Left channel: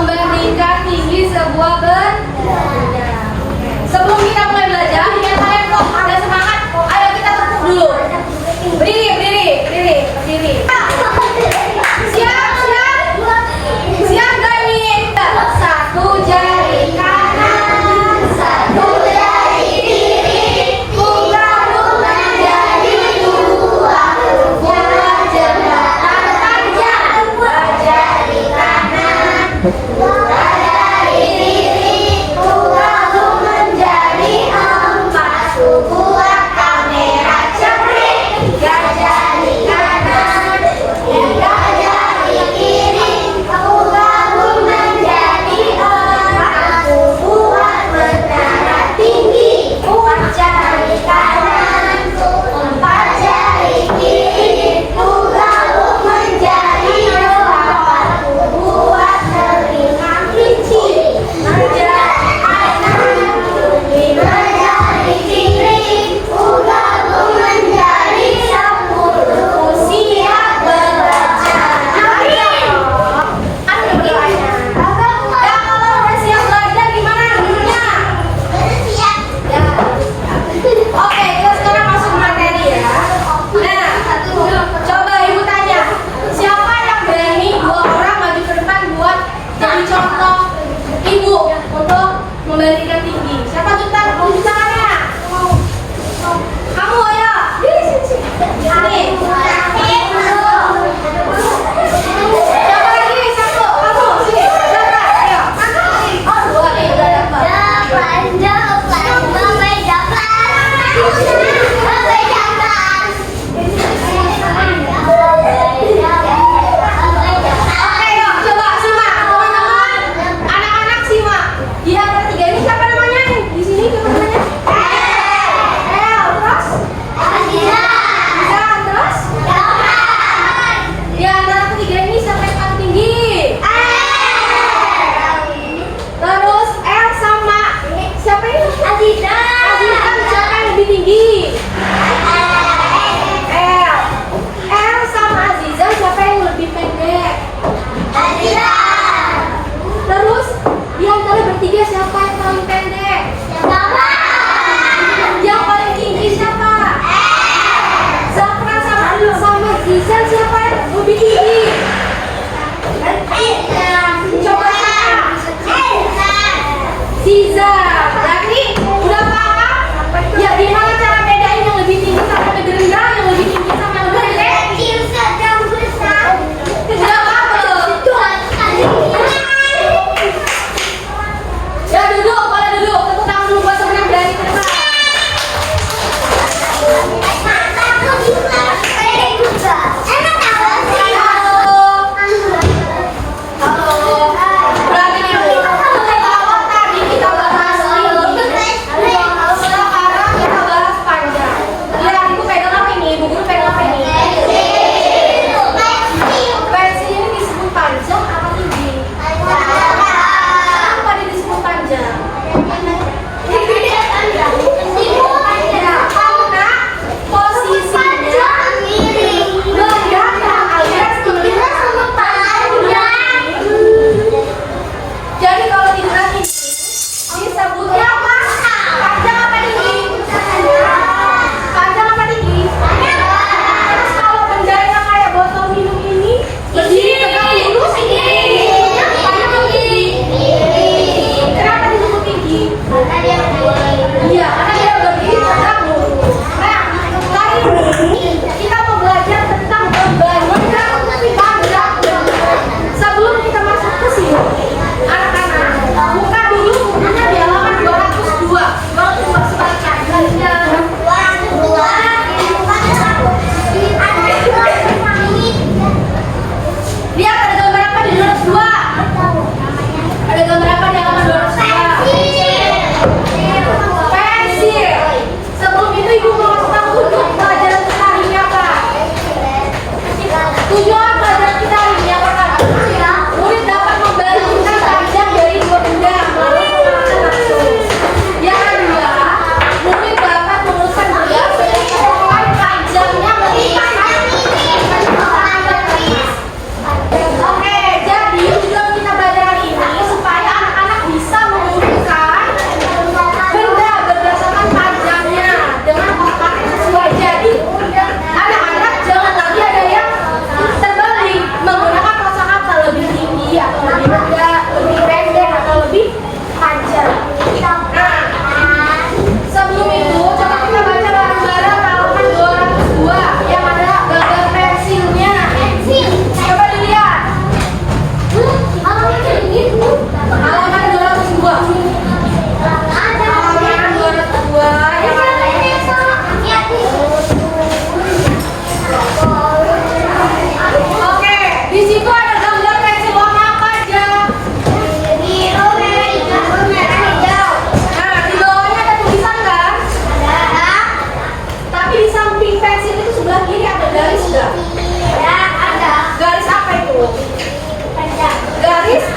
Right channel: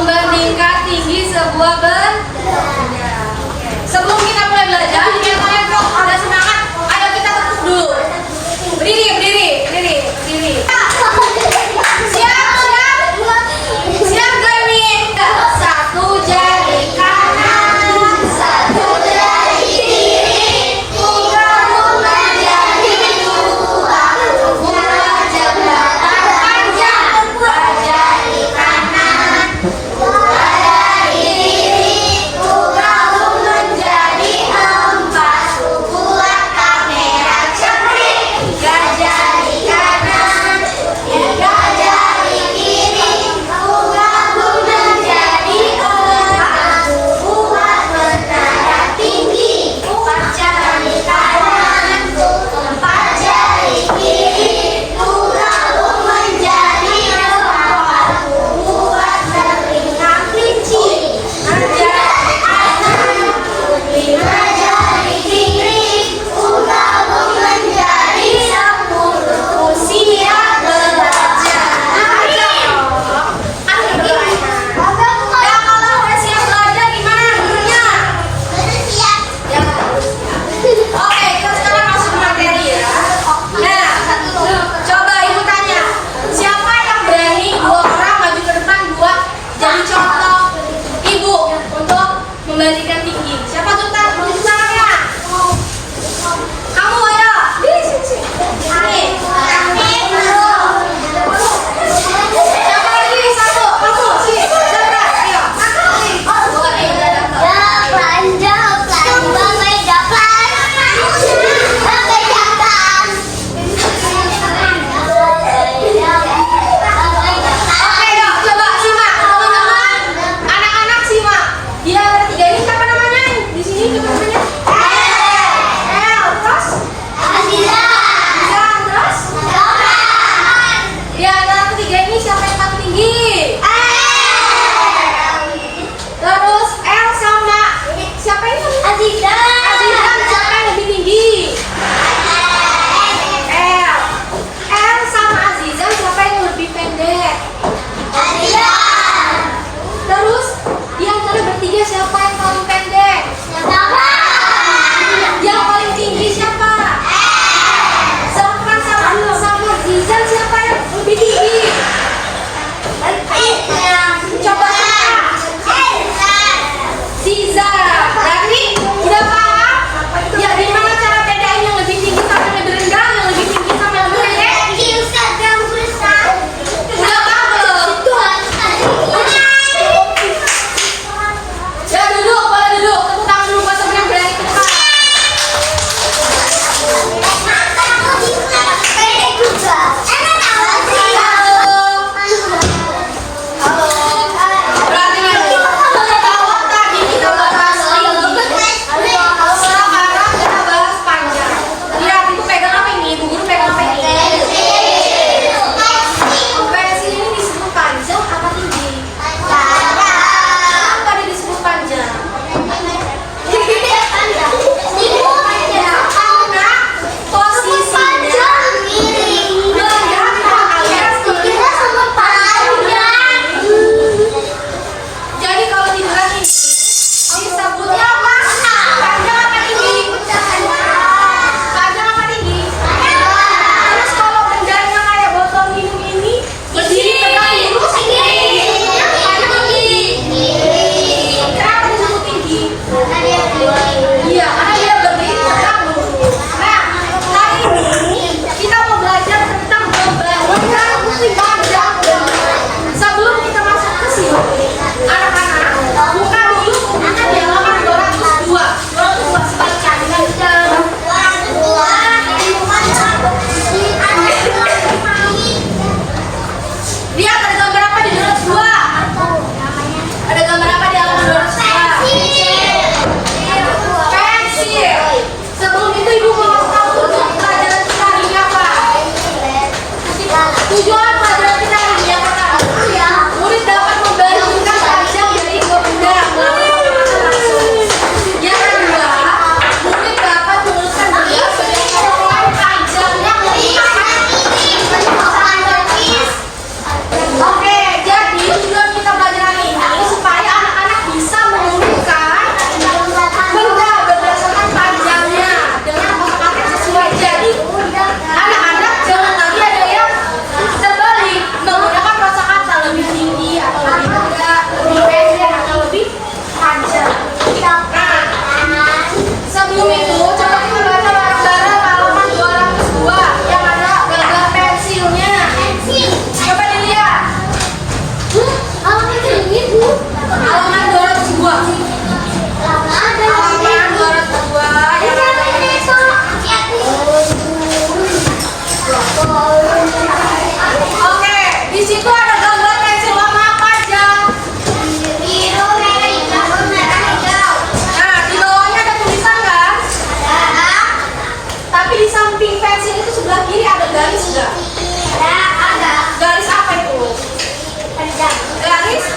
membandingkan tinggi sebuah benda. Sebelum kita mulai belajar, biar kalian kok ada semangat, ayo kita tepuk dulu. Berdiri, berdiri, berdiri, berdiri. Siap, siap, siap gak nih? Satu jari kanan, satu jari kiri, gabung menjadi dua, buat jembatan panjang. Dua jari kanan, dua jari kiri, gabung menjadi empat, buat kamera cengkring. Tiga jari kanan,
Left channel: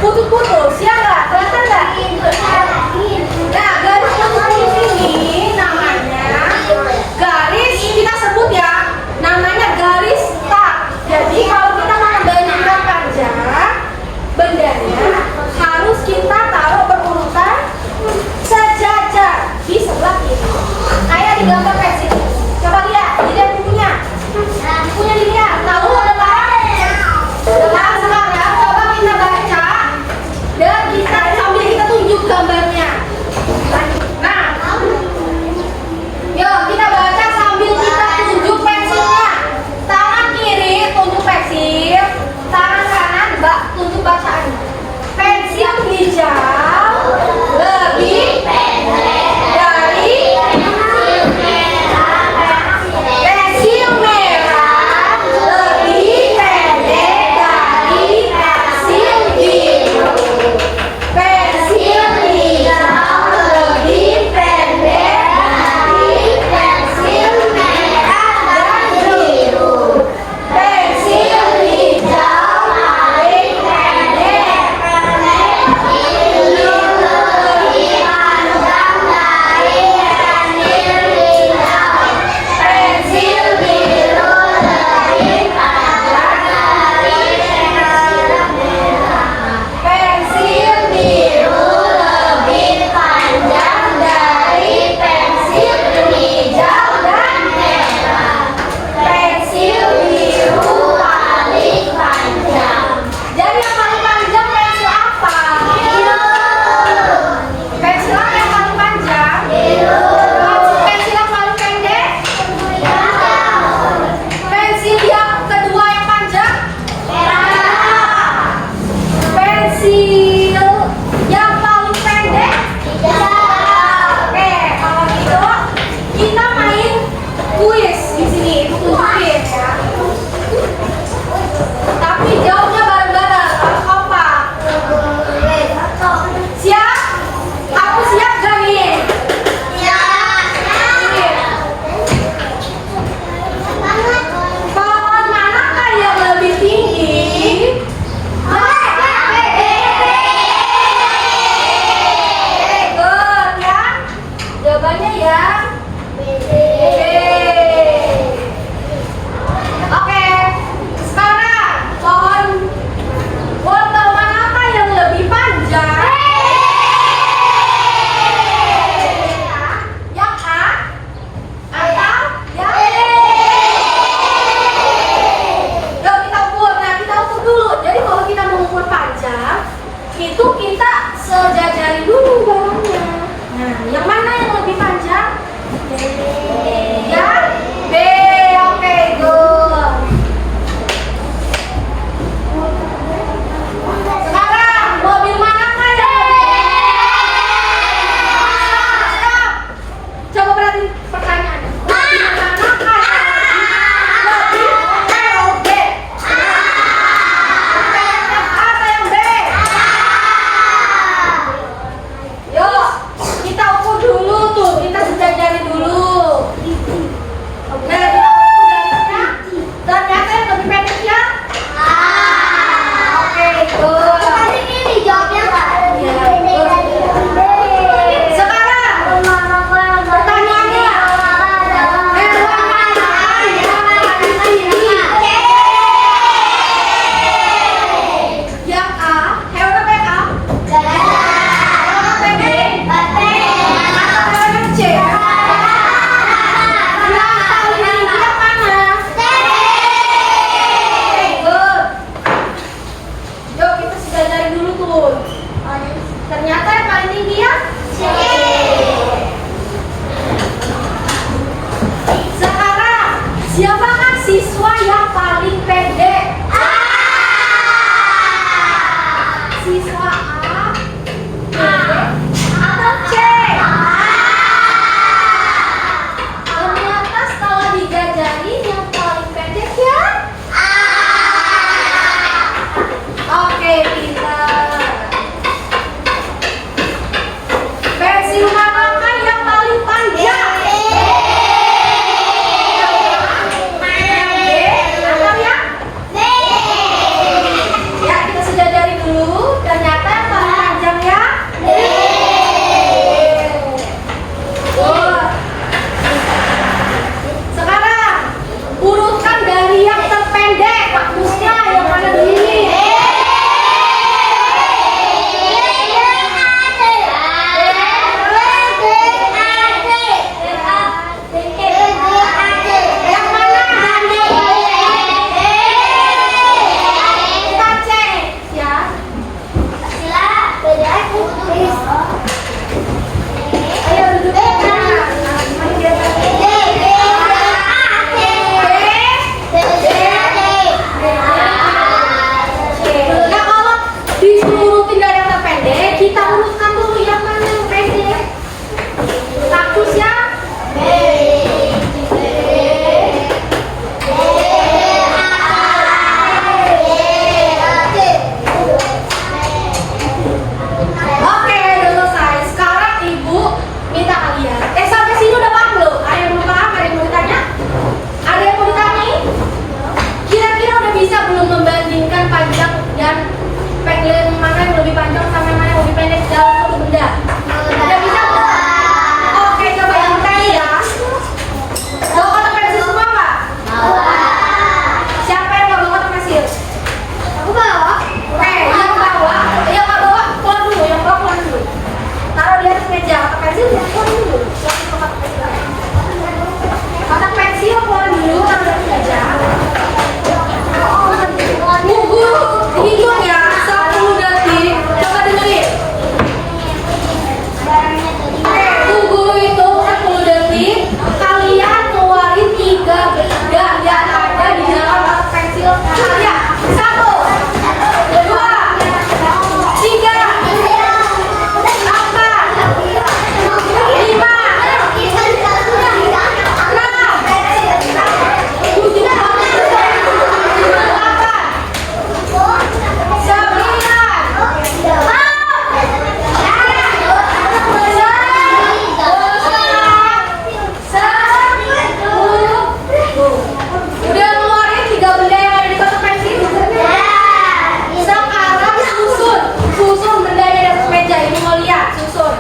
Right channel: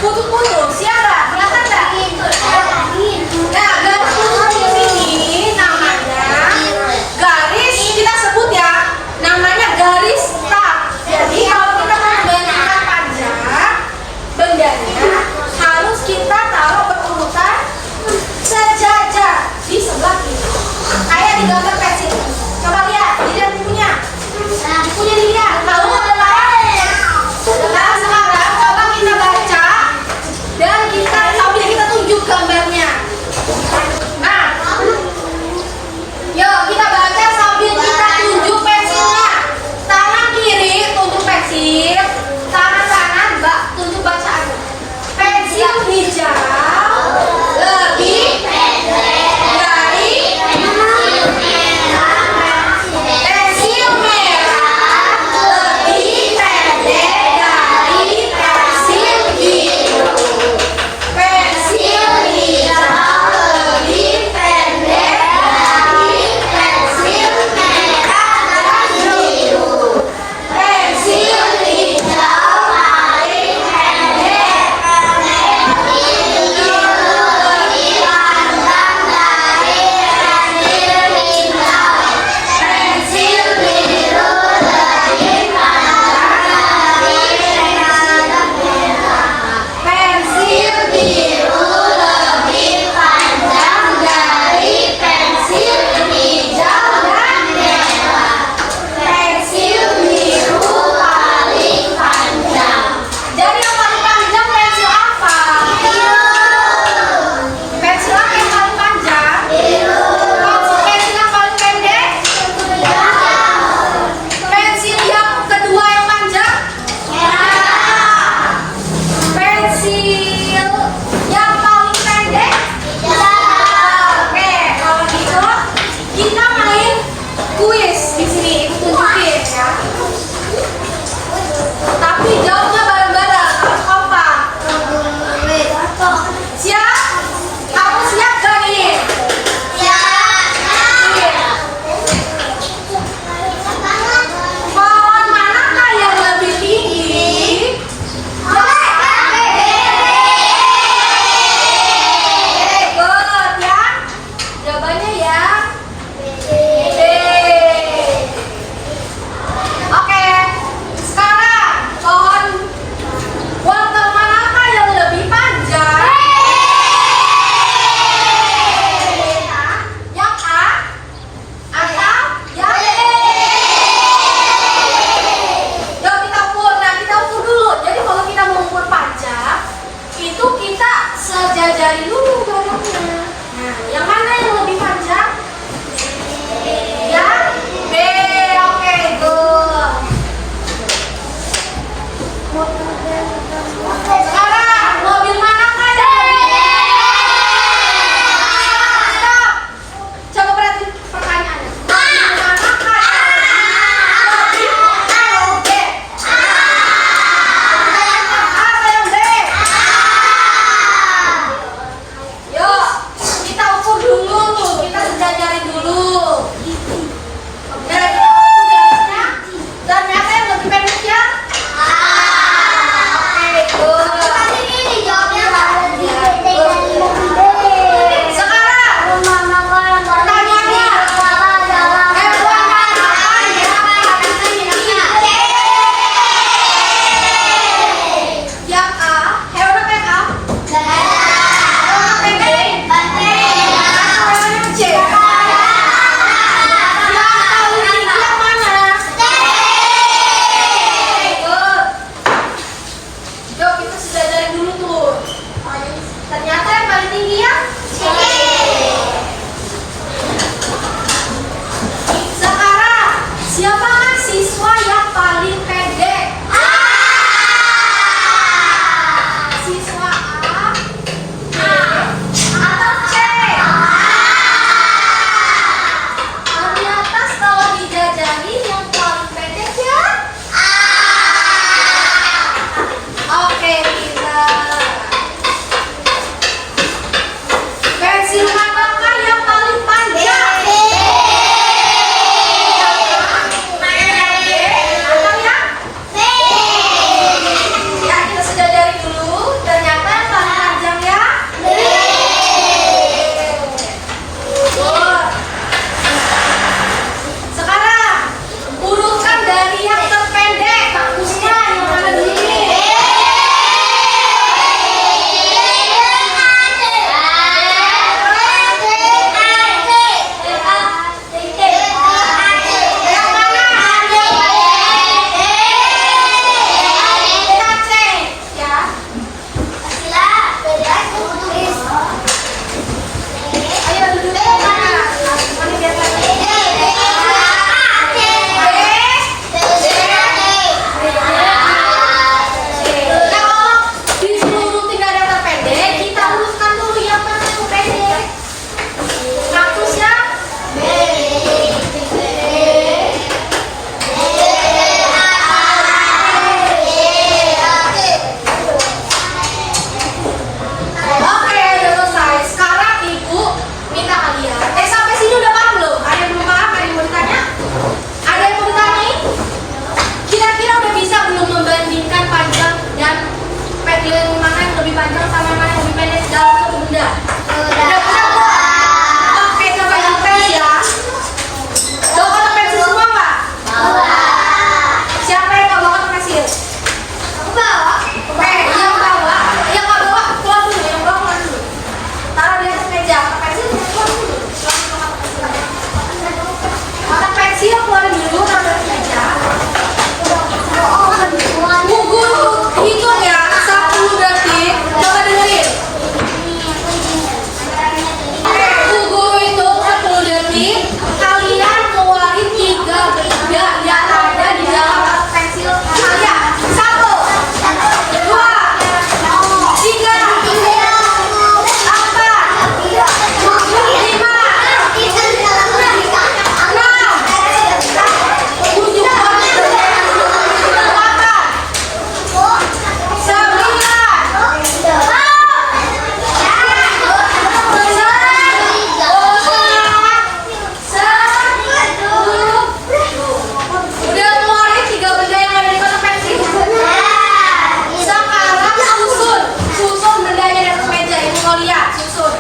putus-putus, ya nggak? Kelihatan nggak? Nah, garis putus-putus ini namanya garis, kita sebut ya, namanya garis start. Jadi kalau kita mau membandingkan panjang, bendanya harus kita taruh berurutan sejajar di sebelah kiri. Kayak di gambar pensil. Coba lihat, dilihat bukunya. Bukunya dilihat, tahu nggak? Nah, sekarang coba kita baca dan kita sambil kita tunjuk gambarnya. Nah, yuk kita baca sambil kita tunjuk pensilnya. Tangan kiri tunjuk pensil, tangan kanan tunjuk bacaannya. Pensil hijau lebih pendek dari pensil merah lebih pendek dari pensil biru. Pensil hijau lebih pendek dari pensil merah dan biru. Pensil hijau paling pendek, biru lebih panjang dari pensil hijau. Pensil biru lebih panjang dari pensil merah. Pensil biru lebih panjang dari pensil hijau dan merah. Pensil biru paling panjang. Jadi yang paling panjang pensil apa? Pensil apa yang paling panjang? Pensil yang paling pendek? Pensil yang kedua yang panjang? Pensil yang paling pendek? Oke, kalau gitu kita main kuis di sini. Ibu tunjukin ya. Tapi jawabnya bareng-bareng, harus kompak. Siap? Aku siap gak nih? Pohon manakah yang lebih tinggi? Good ya. Jawabannya ya. Oke. Sekarang pohon wortel manakah yang lebih panjang? Yang A atau yang B? Yuk kita ukur. Nah, kita ukur dulu. Jadi kalau kita mengukur panjang, itu kita sejajari dulu barangnya. Nah, yang mana yang lebih panjang? Yang B. Oke, good. Sekarang mobil manakah yang lebih? Stop. Coba perhatiin pertanyaannya. Mobil manakah yang lebih B? Apa yang B? Yuk, kita ukur dulu tuh, kita sejajari dulu. Oke, kita ukur garisnya. Ternyata yang lebih pendek ya? Oke, good. Sekarang pertanyaannya, hewan manakah yang paling tinggi? Yang A, hewan apa yang A? Hewan apa yang B? Atau hewan yang C? Yang paling tinggi yang mana? Good. Yuk kita sudah cari dulu tuh. Ternyata yang paling tinggi ya? Sekarang siapakah siswa yang paling pendek? Siswa A, B, atau C? Kalau di atas, kalau dijajari yang paling pendek ya? Oke, kita pensil manakah yang paling panjang? Atau yang? Ya, kita sudah dari dulu. Ternyata lebih panjang sama yang mana yang lebih pendek dalam satu benda? Udah bisa belum? Oke, coba yang pen ya. Bawa kotak pensil semua Pak? Bawa. Siapa yang nggak bawa kotak pensil? Aku bawa. Oke, yang bawa, yang nggak bawa pulang dulu, yang bawa pulang dulu. Taruh di atas meja, kotak pensil pulang dulu. Kotak pensil keluarin dulu, taruh di atas meja. Tunggu, hitung ya, 10 detik. Coba dengerin. Tunggu hitung 10 detik. Kalian keluarin 3 benda yang ada di dalam kotak pensil kalian. 1, 2, 3, 4, 5, 6, 7, 8, 9, 10. Udah keluarin 3 benda yang ada di kotak pensil. Sekarang susun bendanya di atas meja. Ibu mau lihat, susun.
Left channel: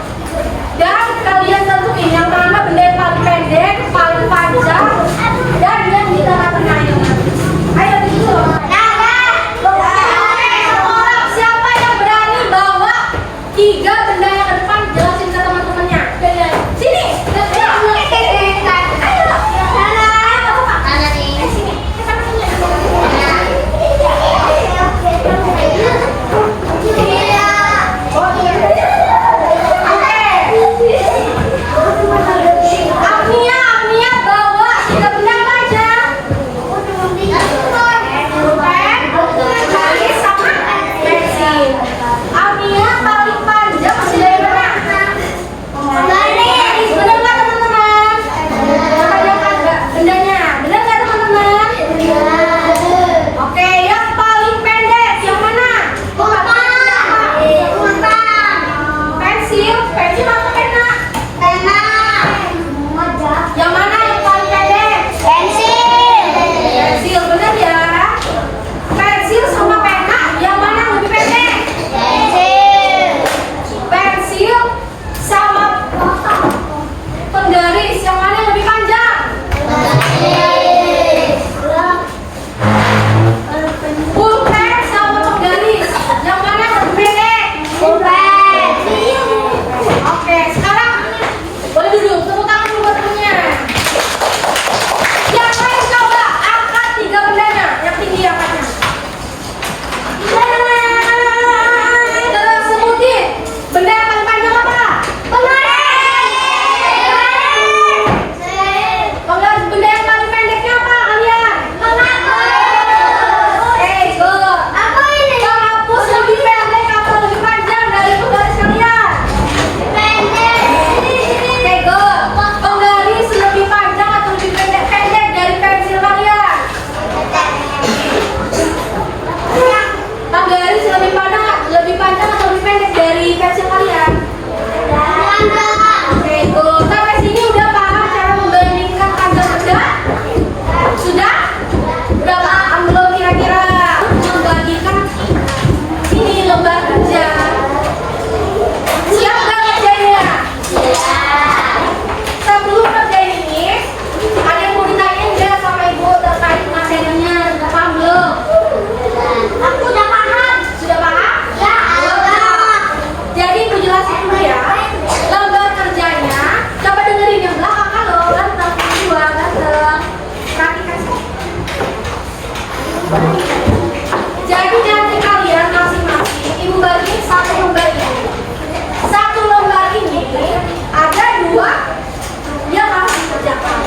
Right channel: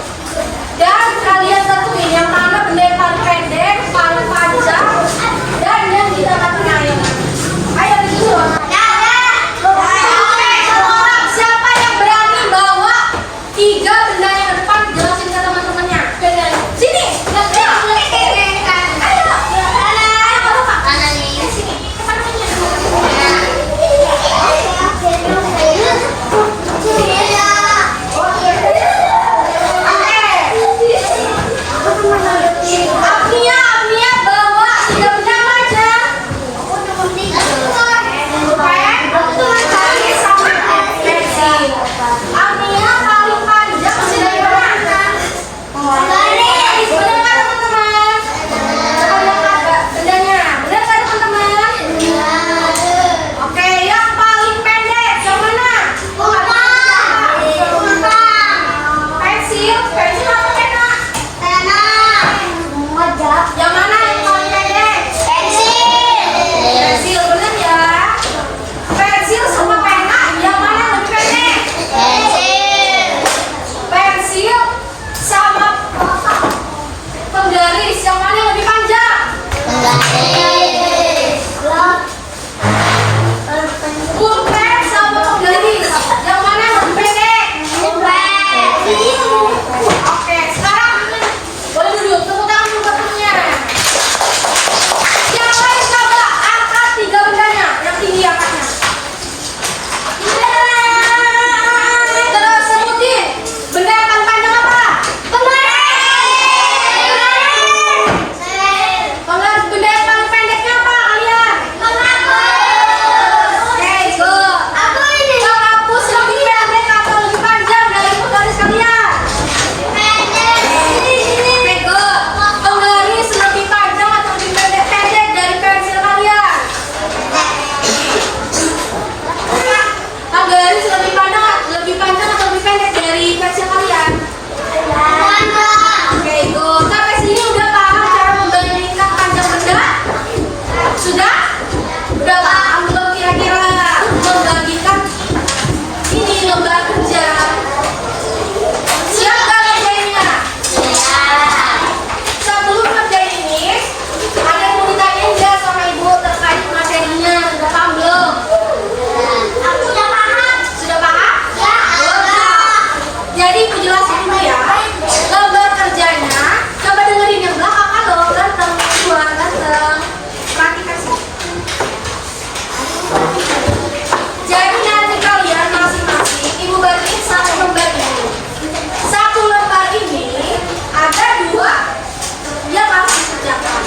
Dan kalian tentuin yang mana benda yang paling pendek, paling panjang, dan yang di tengah-tengah yang mana. Ayo disusun. Oke, sekarang siapa yang berani bawa 3 benda yang ke depan, jelasin ke teman-temannya. Sini. Ayo. Ayo, bawa. Sini. Agnia bawa 3 benda apa aja? Pulpen, garis sama pensil. Agnia paling panjang benda yang mana? Garis. Bener nggak teman-teman? Coba lihat nggak bendanya? Bener nggak teman-teman? Oke, yang paling pendek yang mana? Pensil apa pena? Yang mana yang paling pendek? Pensil, bener ya? Pensil sama pena, yang mana yang lebih pendek? Pensil sama penggaris, yang mana yang lebih panjang? Pulpen sama penggaris, yang mana yang lebih pendek? Oke, sekarang boleh duduk, tepuk tangan dulu buat temennya. Yang lain coba angkat 3 bendanya, yang tinggi angkatnya. Terus sebutin, benda yang paling panjang apa? Penggaris. Benda yang paling pendeknya apa kalian? Oke, good. Penghapus lebih pendek atau lebih panjang dari penggaris kalian? Oke, good. Penggaris lebih panjang atau lebih pendek dari pensil kalian? Penggaris lebih panjang atau lebih pendek dari pensil kalian? Oke, good. Sampai sini udah paham cara membandingkan panjang benda? Sudah? Udah paham belum kira-kira membagikan ini lembar kerja? Siap gak kerjanya? Sebelum kerjain ini, ada yang mau ditanyain nggak sama ibu terkait materinya? Udah paham belum? Sudah paham? Jadi ibu jelasin dulu ya. Lembar kerjanya, coba dengerin yang belakang. Halo, ganteng, dua, ganteng. Perhatikan sih. Jadi nanti kalian masing-masing ibu bagiin 1 lembar ini. 1 lembar ini ada 2 yang harus dikerjakan.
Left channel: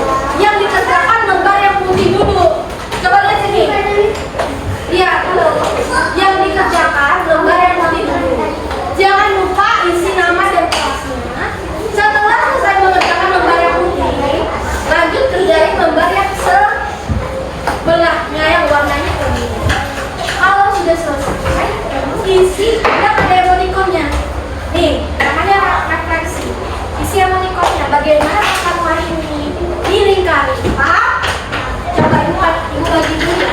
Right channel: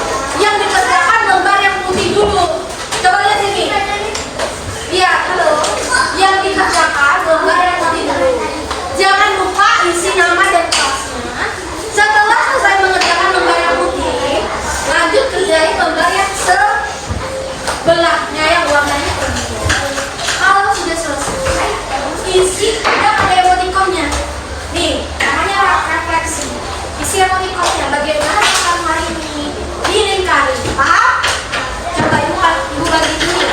Yang dikerjakan lembar yang putih dulu. Coba lihat sini. Lihat, halo. Yang dikerjakan lembar yang putih dulu. Jangan lupa isi nama dan kelasnya. Setelah selesai mengerjakan lembar yang putih, lanjut kerjain lembar yang sebelahnya yang warnanya kuning. Kalau sudah selesai, isi ada emoticonnya. Nih, namanya refleksi. Isi emoticonnya. Bagaimana kamu hari ini dilingkari? Paham? Coba ibu bagi dulu ya.